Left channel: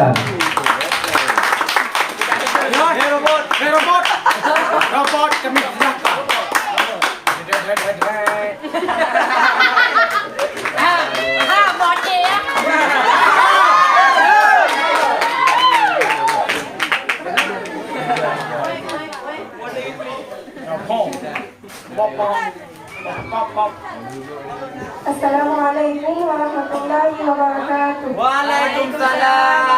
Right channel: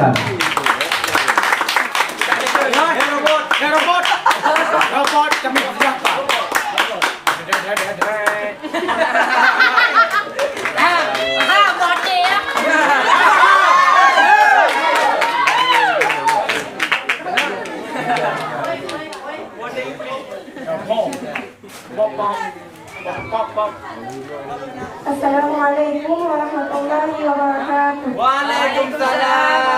dilanjutkan. Robot kami siapa? Assalamualaikum warahmatullahi wabarakatuh. Waalaikumsalam.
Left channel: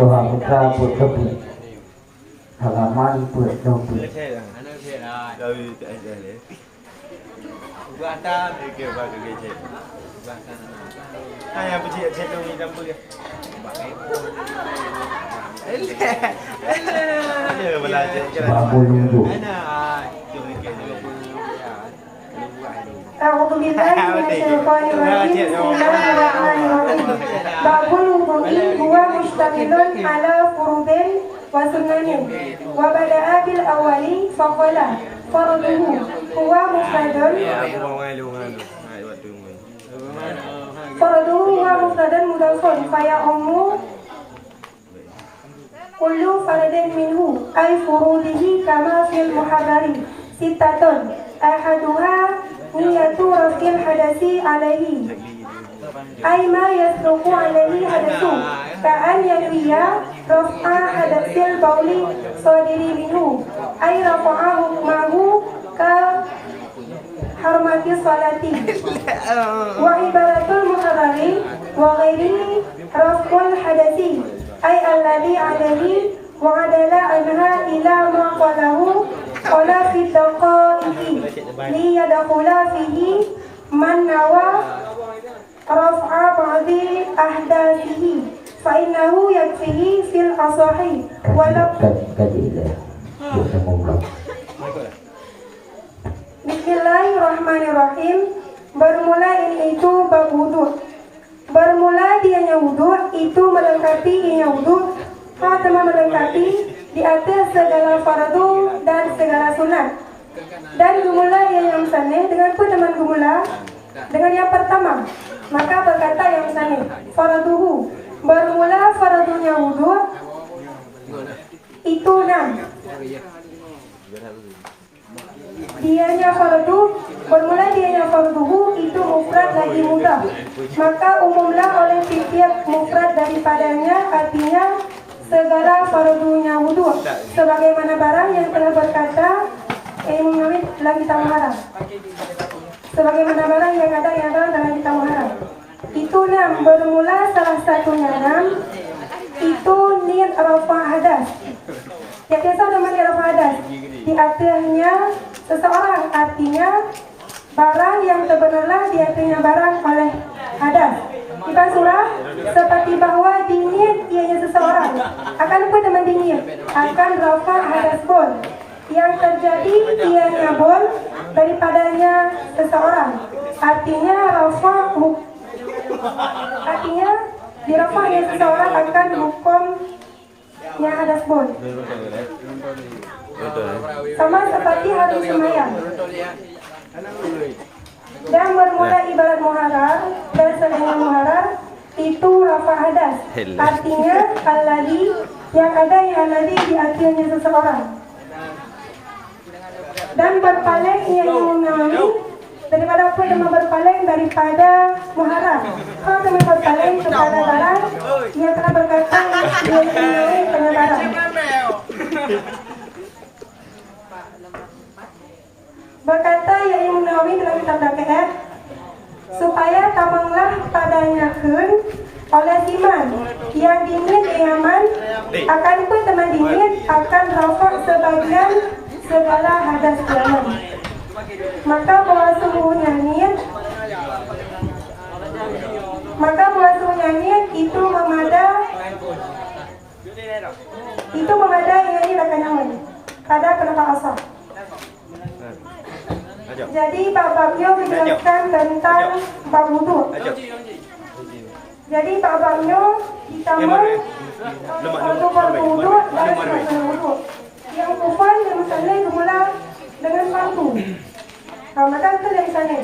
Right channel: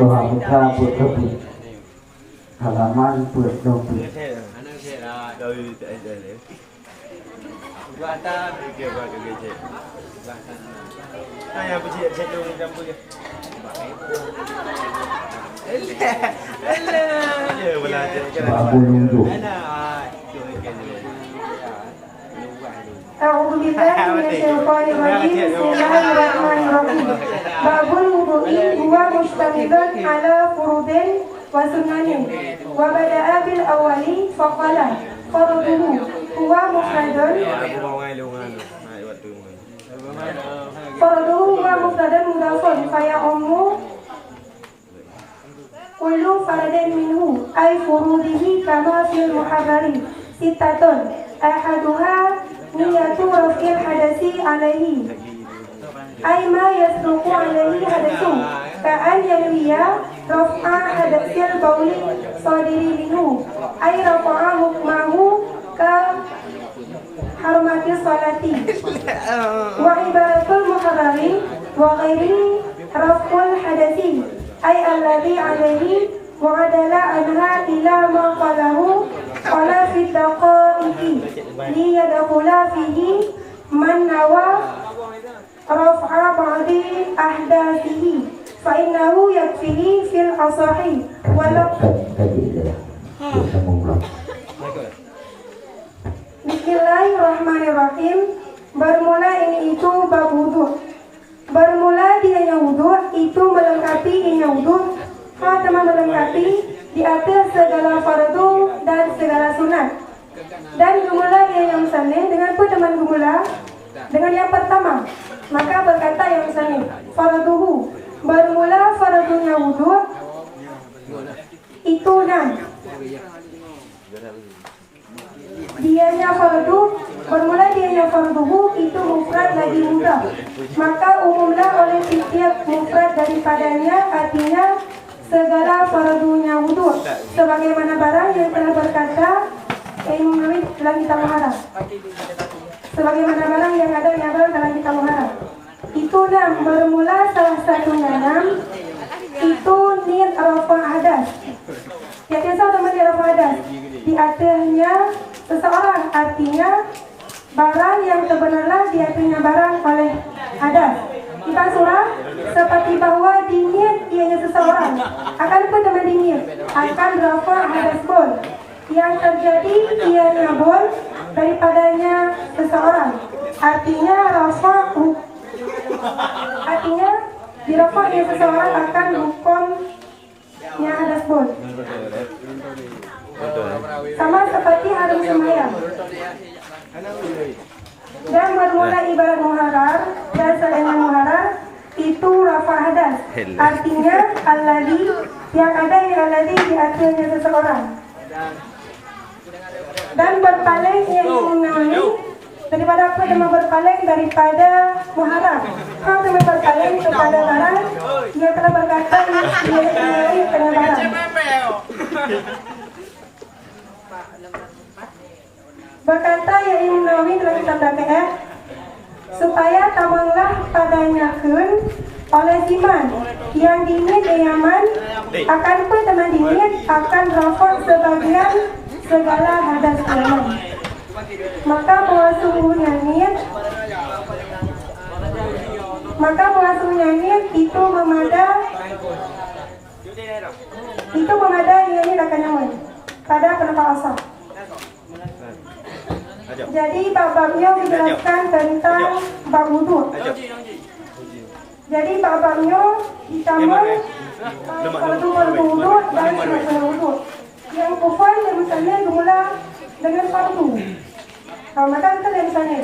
Doa putra putri halaman 27. A'udzu billahi minasyaitonir rajim. Bismillahirrahmanirrahim. Babul wudu'i huwa mustamilun ala furudin wa sunanin. Wa bada'a bil awwali faqala faraduhu huwa mufradun. Faraduhu huwa mufradun mudafun fa ummu kullu faradin minhu ay furudihi kama fil muharrari sitatun ahaduha niyatu rafil hadasi alaihi ay ma yasduqu alaihi hadasu ka'an yawiya raf'a hadasil bauli sadiri minhu ay rafa'a hukmahu ka harmati salati wa ibaratul muharrari wa ghairihi raf'ul hadasi ay alladhi alaihi mu'adala anha ila ma qalahu qala fi daqaiqi li yadkhula fihi man nawa raf'a ba'di ahdathihi fa innahu yakfihi fil asahi walau Bismillahirrahmanirrahim. Bermula ini itu bab wudu. Bermula dianya wudu itu melengkapi dianya wudu. Teman melengkapi di atas segala fardu dan segala sunat. Dan bermula yang sana dengan apa teman bermula? Dengan yang pertama. Maka berkata yang sana farduhu. Bermula fardunya wudu itu 6. Dianya fardu, bermula dianya farduhu itu mufrad lagi mudah. Maka umumlah oleh setiap mufrad daripadanya, artinya segala fardunya wudu. Sebagaimana barang yang telah berkata Imam Nawawi dalam kitab Muharrar. Sebagaimana barang yang ada dalam kitab Muharrar. Itu 6, bermula salah satunya 6 itu niat rafa hadas. Yang biasa namanya rafa hadas. Di atasnya seseorang, artinya barang yang sebenarnya di atasnya barang oleh hadas. Kita surah seperti bahwa diniat ianya seseorang akan pun teman diniat akan rafa hadas bol yang terjadi ianya bol daripadanya seseorang, artinya rafa artinya di rafa yang seseorang akan hukumnya hadas bol. Sama seperti harus sembahyang. Dan bermula ibarat muharrar dan selainnya muharrar itu rafa hadas. Artinya alladhi yang ada di akhirnya seseorang. Dan berpaling yang Nawawi daripada apa yang berpaling daripada muharrar. Kalau teman berpaling kepada barang, dia telah berkata dia Nawawi kepada barang. Berkata ya Imam Nawawi dalam kitab DPR supaya tamanglah padanya kun oleh iman yang dingin iaman akan pun teman dingin akan rafa sebagian segala hadas dalam. Maka bahwa sungguhnya niat itu Itu memadai nyanyi dan kenyaman pada penegak asal. Jadi bab-babnya menjelaskan tentang bab wudu. Jadi bab-babnya ditambah fardu wudu dan sunat wudu. Yang kufan yang misalnya dimulai dengan fardu. Maka itu yang misalnya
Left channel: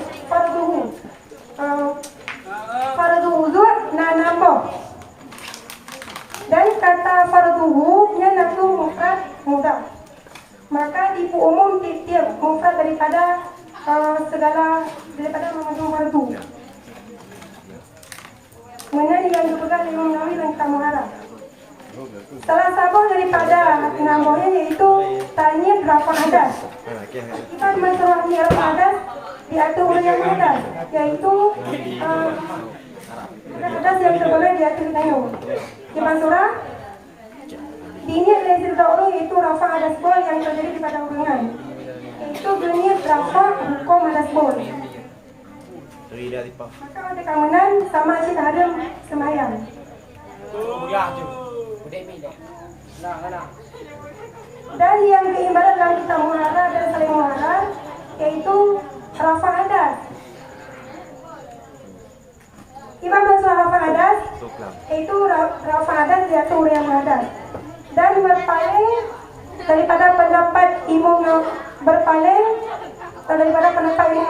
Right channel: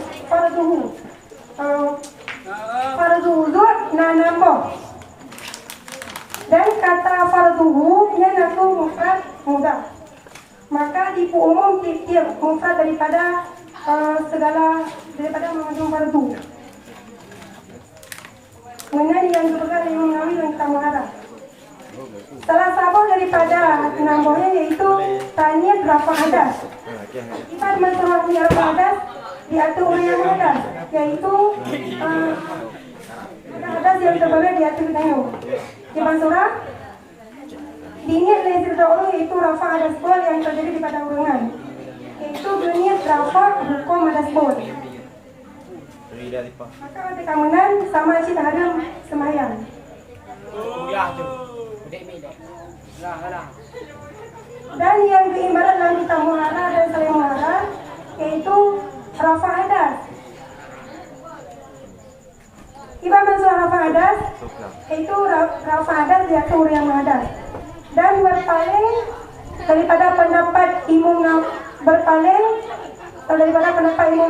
fardu wudu nambah. Dan kata farduhu nya nafsu mufrad mudah. Maka di umum tiap mufrad daripada mengandung fardu. Mengenai yang dilakukan Imam Nawawi dan kita mengarah. Salah satu daripada nambahnya yaitu tanya berapa hadas. Kita di masalah berapa hadas diatur yang hadas, yaitu hadas yang sebenarnya diatur dengan di Mansura diingat dari cerita orang yaitu rafa hadas bol yang terjadi di padang urangan, yaitu berniat rafa hukum hadas bol. Maka ada keamanan sama isi terhadap semayang. Dan yang keimbaran dalam kita muhara dan saling muhara yaitu rafa hadas. Ibarat masalah rafa hadas yaitu rafa hadas diatur yang hadas. Dan berpaling daripada pendapat Imam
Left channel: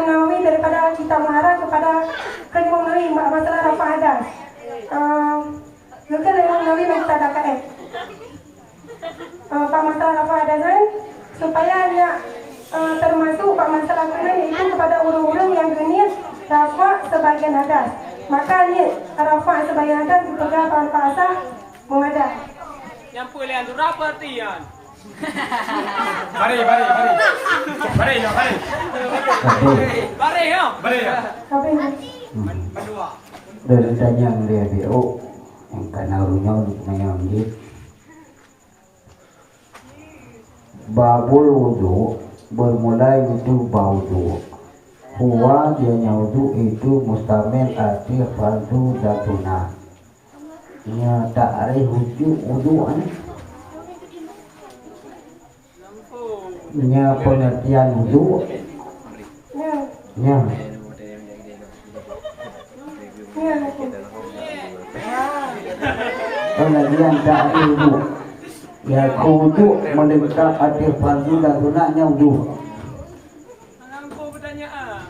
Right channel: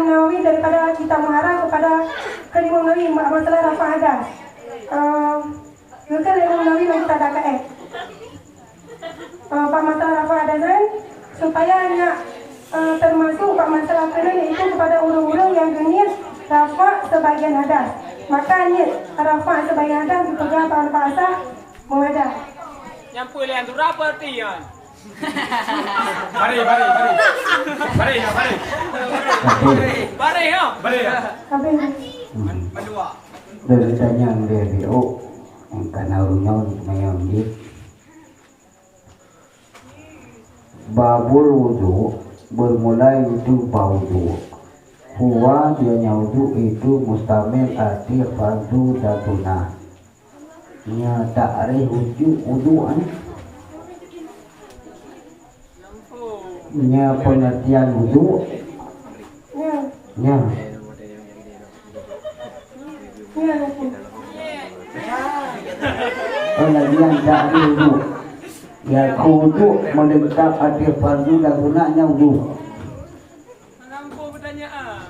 Nawawi daripada kita mengarah kepada Imam Nawawi masalah rafa hadas. Juga Imam Nawawi mengatakan masalah rafa hadas supaya hanya termasuk masalah lain yaitu kepada ulun-ulun yang berniat rafa sebagian hadas. Maka niat rafa sebagian hadas juga tahun puasa mengadah. Yang pilihan tu apa tian? Bari ya. Berdua. Dari tanya dia BO yang karena urunya yang di babul wudu bermula itu baudu. Huwa dia wudu itu mustamil arti fardu dan sunnah. Nya ta'rif wudu'an. Nya pengertian wudu. Nya. Pengertian ta'rif wudu. Ya wudu mendekat arti fardu dan sunnahnya wudu. Nampu pertanyaan.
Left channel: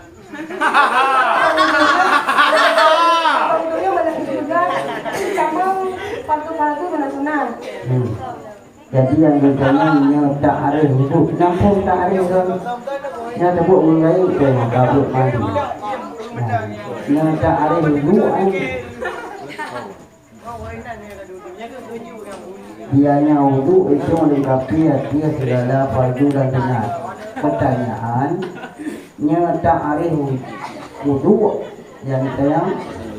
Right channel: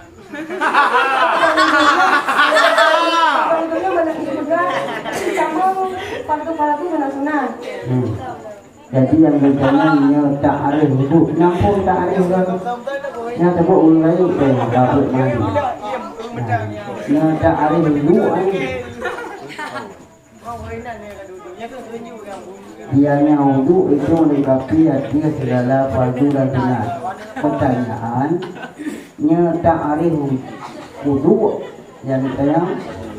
Jadi yang ditanya ta'arif wudu, nampung ta'arif yang sebut mulai dari kabut lagi. Yang ta'arif wudu dianya wudu itu melengkapi arti segala fardu dan sunnah. Pertanyaan, nya ta'arif wudu yang ditanya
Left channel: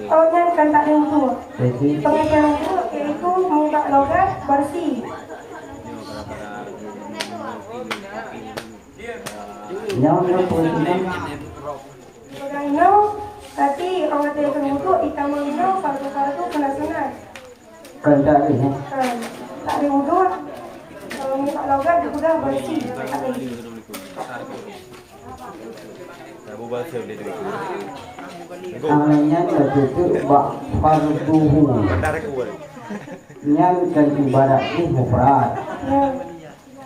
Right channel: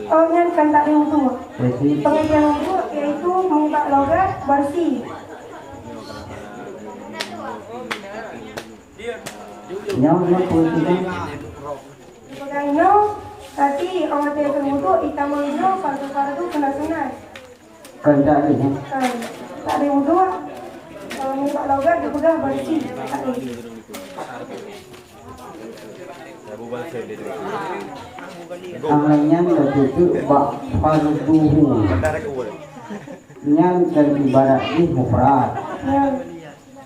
pengertian ta'arif wudu. Jadi Pengertian wudu yaitu mengubah logat bersih. yang posisi Rano, tapi orang dia wudu ikan wudu fardu kena sunat. kendak ini Tak ada wudu, mengubah logat juga bersih. namanya tertutup bak farduhu yang dan ibarat ini mufrad.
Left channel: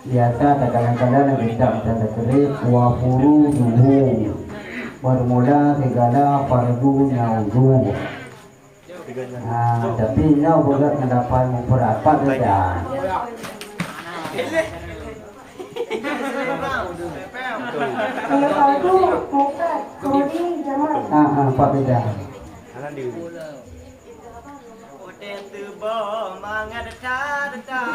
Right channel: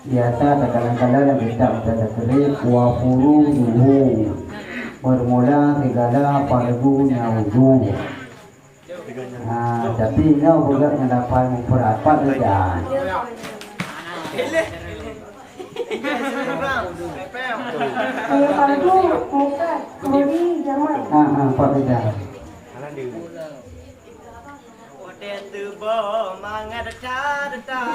Biasa kadang-kadang kita ada kerik wa furuduhu bermula segala fardunya wudu. Tapi ini juga mendapat mufrad pada Fardu mufrad, kemudian jamak. pada Hotel tu mangat dah.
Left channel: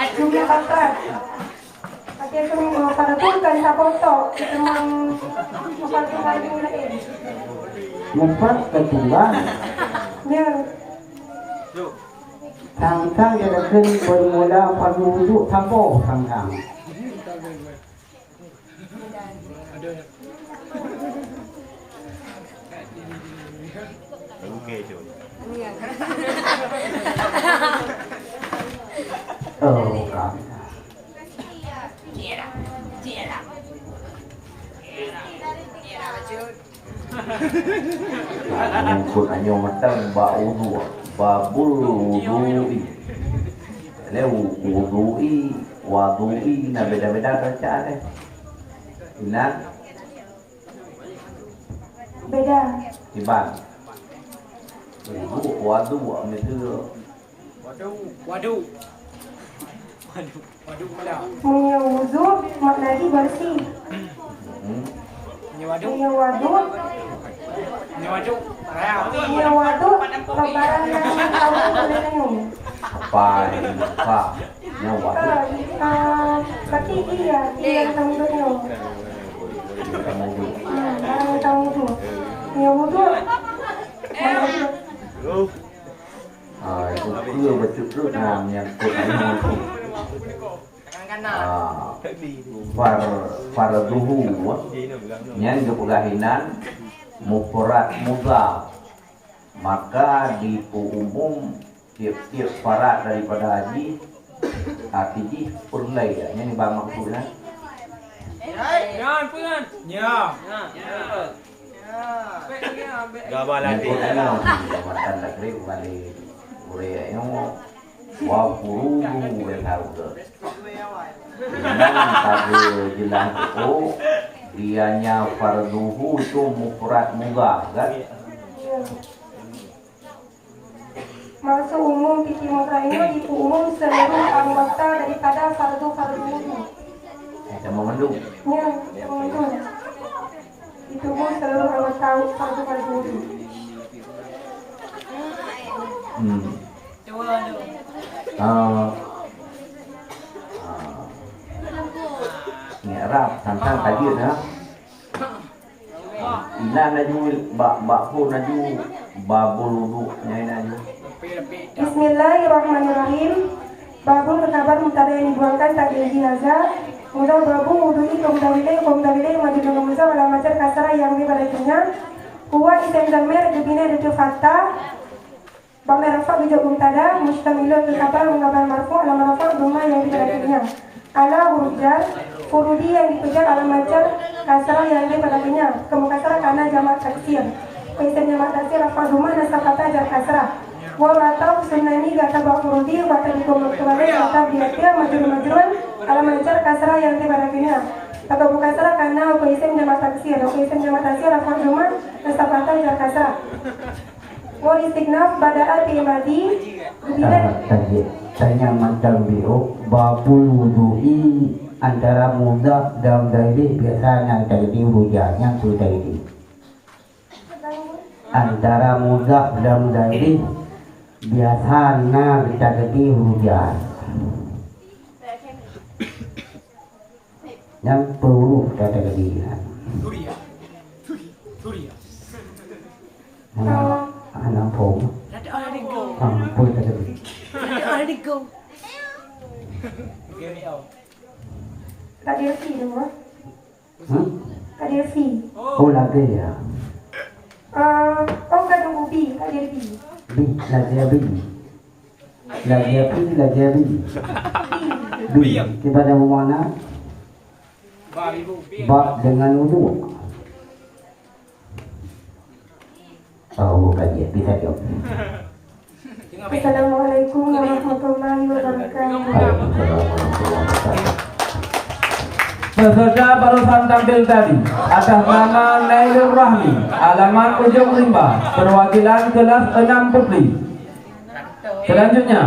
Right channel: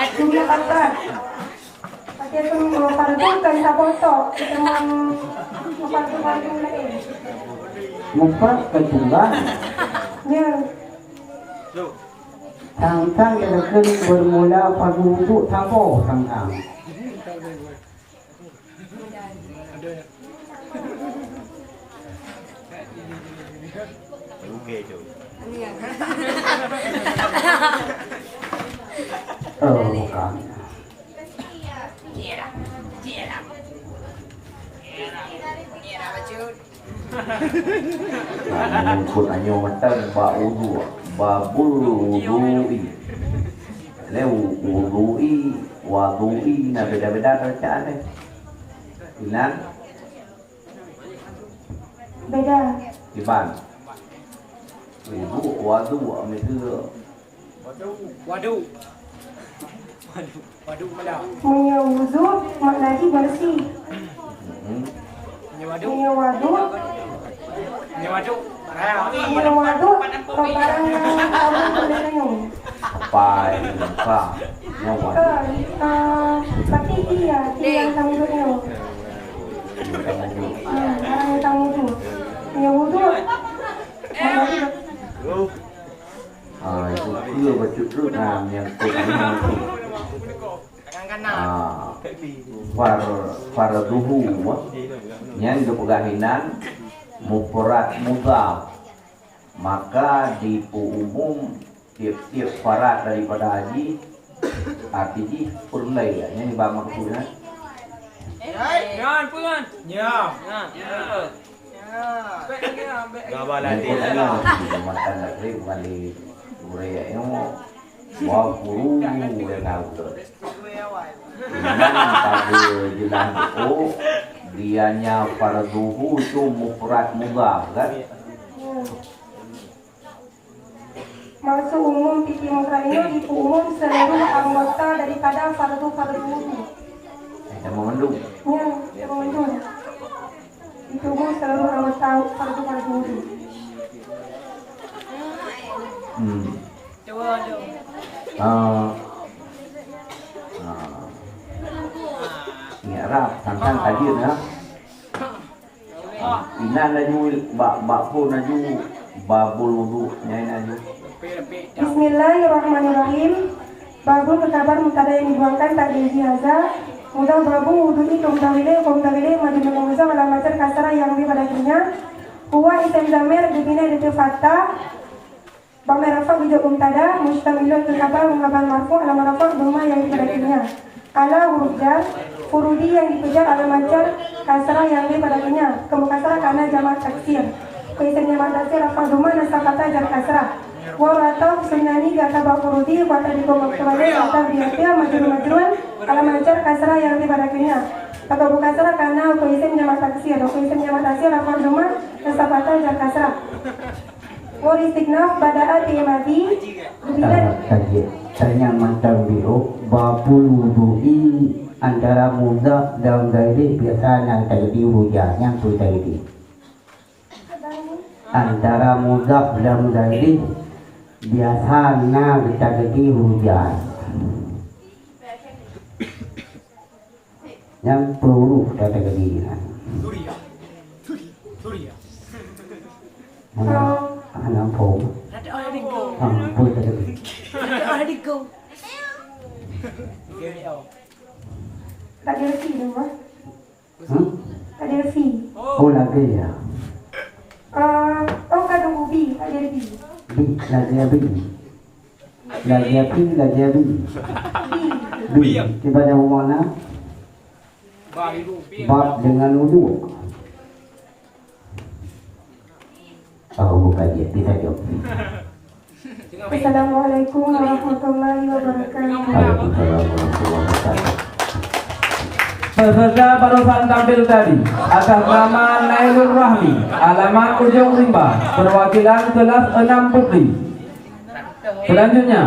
Akhirnya apa? Pakai semua fardu kan tak botok. mufrad kedua Ya. tangkang yang bermula fardu wudu tampo tangkang. Oh, bukan. Untuk hanya matang bau babului. Leu wadui na beda-beda bacaan. Benar? Beda. Iban. Wadu itu Waduh. Malah. Wudu maknanya bersih. Waduh. Wadu Waduh. wadu lebaran yang boleh minum. pai pa nyawa. Tapi iya kamu minum. Kamu wudu. Wudu. Itu dia betul yang farduhu yang dipegahinan mufrad mudhaf, maka di umum tiap-tiap farad daripada haji artinya purnai ya ini bang maksudnya Jangan puan. Ya. Gambar matan negeri balik budaya ini wah guru yang tahu pada jelas itu dianya farduhu itu mufrad mudhaf kan. Masuk umum fikih mukayyad di umum seluruh anggota daripada fardu wudu. Kita mengandung. Ya, mengandung. Itu umum seluruh anggota fardu wudu. Ini Arab tentang kajian ya. Ina laju bak pun laju babul wudu nyanyi. Bismillahirrahmanirrahim. Babul kabar mubtada yang dibuangkan tak dijaza. Mudah babul wudu'i kumtawile majnun muza wala majar kasara yang dibarakinya. Huwa isim zamir dibina dengan fathah. Bamir rafa bija mubtada mustamilun kabar mengabar marfu ala marfu duma yang dibarakinya. Kalau huruf furudi yang dikejar ala majar kasara yang dibarakinya. Kemukasara karena jamak taksir. Isim jamak taksir rafa duma nasabata jar kasra. Wa atau sunani kata bakurudi wa tadiku makrule kata biatil majrun kalau mancar kasrah yang dibarakinya atau bukan kasrah karena kuisin jamak taksir apa cuma kesepakatan jar kasrah wa istiqnaf badaat imadi Dan yang macam biru babul wudu'i antara mudhaf dan dhairi biasanya jadi hujan yang sudah ini antara mudhaf dan dhairi biasanya kita jadi hujan yang perlu kita jadi anak pun pun jadi tadi resi dong Pak tadi resi oh lagi ya oh kadang ubi tadi resi bi kita ada mana bab dengan wudu oh kaji bisa jawab. Assalamualaikum warahmatullahi wabarakatuh. Peserta barusan tampil tadi atas nama Nailul Rahmi, alamat Ujung Rimba, perwakilan kelas 6 Putri. Selanjutnya